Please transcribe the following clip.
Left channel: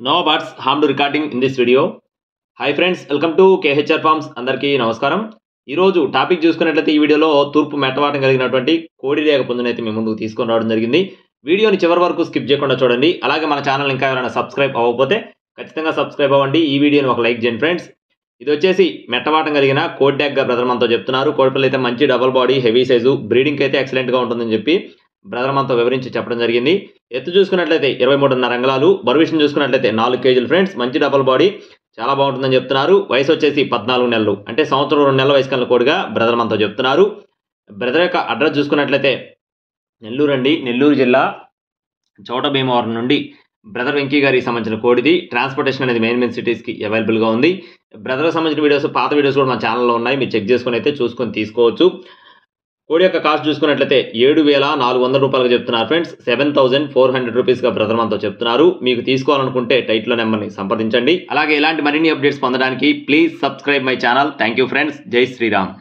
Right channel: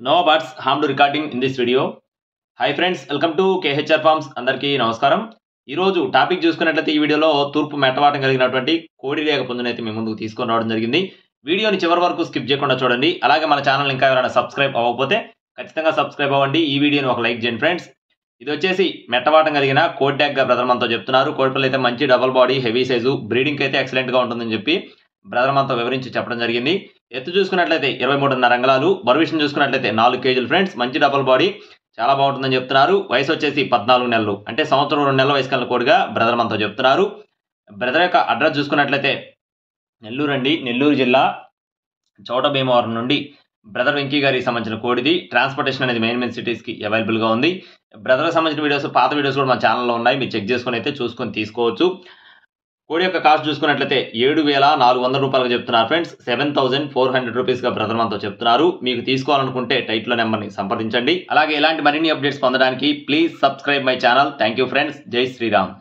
No birds harmed recording in this video. Hi friends, welcome to KHR Farms. అందరికీ నమస్కారం. ఈరోజు topic చూసుకున్నట్లయితే ఈ వీడియోలో తూర్పు మెట్టవాటం కలిగినటువంటి కోడిరేగ పుంజునైతే మీ ముందుకు తీసుకొని రావడం జరిగింది. వీడియోని చివరి వరకు స్కిప్ చేయకుండా చూడండి. అలాగే మన ఛానల్ ఇంకా ఎవరైనా సబ్స్క్రైబ్ అవ్వకపోతే ఖచ్చితంగా సబ్స్క్రైబ్ అవ్వండి. ఈ వీడియోని ఒక లైక్ చేయండి ఫ్రెండ్స్. ఇది వచ్చేసి మెట్టవాటం కలిగిన కోడిరేగ బ్రదర్ మనతో చెప్తున్నారు. కోడిపిల్ల అయితే మంచి double body, heavy size, breeding అయితే ఎక్సలెంట్గా ఉంటుందని చెప్పి బ్రదర్ మనతో వివరించి చెప్పడం జరిగింది. ఎత్తు చూసుకున్నట్లయితే 23.5 అంగుళాలు, బరువు విషయం చూసుకున్నట్లయితే 4 కేజీలు ఫ్రెండ్స్. మంచి డబుల్ బాడీ, చాలా బాగుంటుందని చెప్తున్నారు. వయసు వచ్చేసి 14 నెలలు, అంటే సంవత్సరం 2 నెలల వయసు కలిగిన కోడిగా బ్రదర్ మనతో చెప్తున్నారు. బ్రదర్ యొక్క అడ్రస్ చూసుకున్నట్లయితే నెల్లూరు అండి, నెల్లూరు జిల్లా చోట భీమవరం నుండి బ్రదర్ వెంకీ గారికి సంబంధించిన కోడిది. ట్రాన్స్పోర్టేషన్ అనేది మెయిన్ సిటీస్కి అవైలబుల్గా ఉంది. బ్రదర్కి సంబంధించిన వీడియోస్, పాత వీడియోస్ కూడా మన ఛానల్లో ఉన్నాయి. మీరు చెక్ చేసుకుని అయితే చూసుకొని తీసుకోవచ్చు. కోడి యొక్క కాస్ట్ చూసుకున్నట్లయితే 7,400 రూపాయలుగా చెప్తున్నారు ఫ్రెండ్స్. 7,400 రూపీస్గా బ్రదర్ మనతో చెప్తున్నారు. మీకు తీసుకోవాలనుకుంటే టైటిల్ నెంబర్ని సంప్రదించండి. అలాగే ఇలాంటి మరిన్ని అప్డేట్స్ పొందడానికి please subscribe my channel. Thank you friends. జై శ్రీరామ్.